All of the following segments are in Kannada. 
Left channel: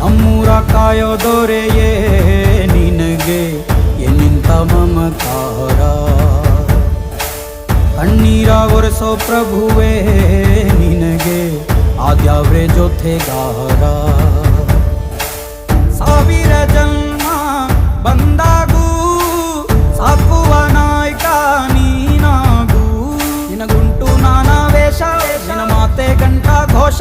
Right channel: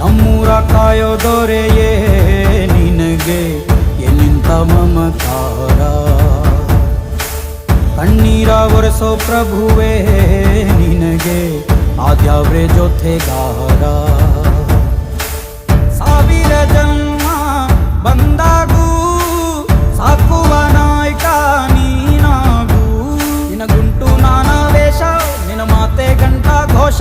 ನಮ್ಮೂರ ಕಾಯೋ ದೊರೆಯೇ ನಿನಗೆ. ಎನ್ನಿಂತ ಮಮಕಾರ ಕಣ್ಣೀರ ಒರೆಸೋ ಪ್ರಭುವೇ ನಿನಗೆ. ಆದ್ಯಾವ್ರೆ ಜೊತೆಗಾರ? ಸಾವಿರ ಜನ್ಮ ಬಂದಾಗೂ, ಸಾಕುವ ನಾಯ್ಕ ನೀನಾಗೂ. ನಿನಗುಂಟು ನಾನಾ ವೇಷ ನಿನ ಮಾತೆ ಘಂಟಾ ಘೋಷ.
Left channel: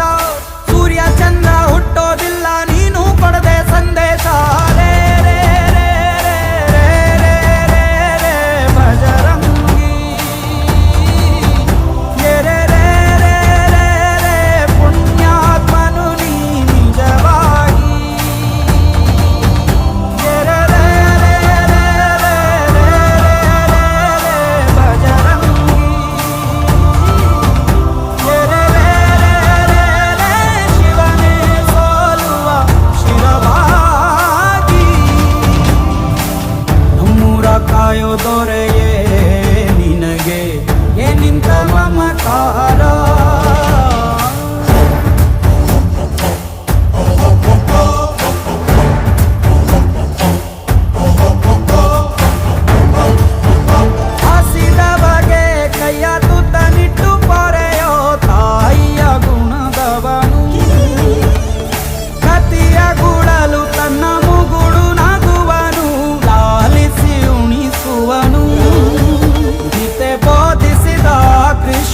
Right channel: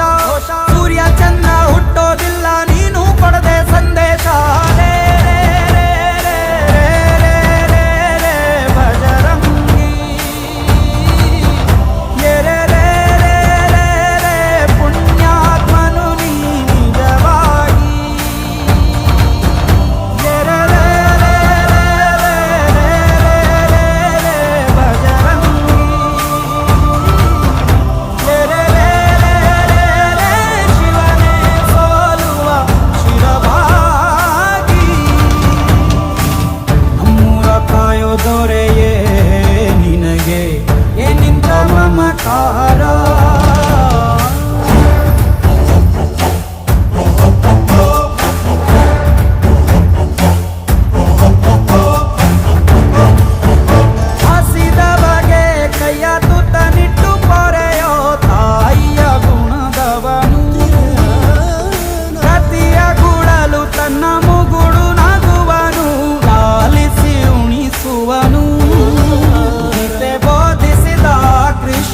সাহা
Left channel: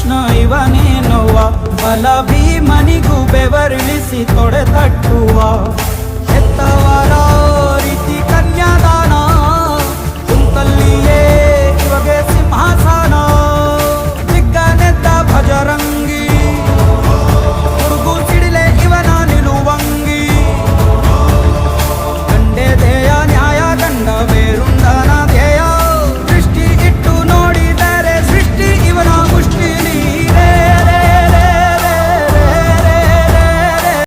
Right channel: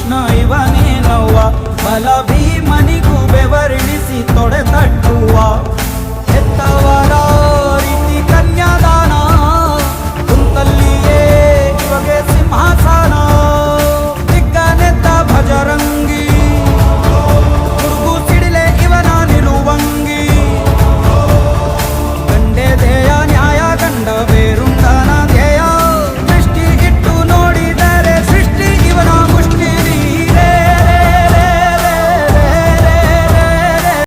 ವಿಷ್ಣುವ ನೀನುವ ಬಲ ಭೀಮನಿಗೂ ಬೆವರಿಳಿಸಿ ತೊಡೆತಟ್ಟುವ ಹೆತ್ತವರ ರೀತಿ ಕನ್ಯಾದಾನ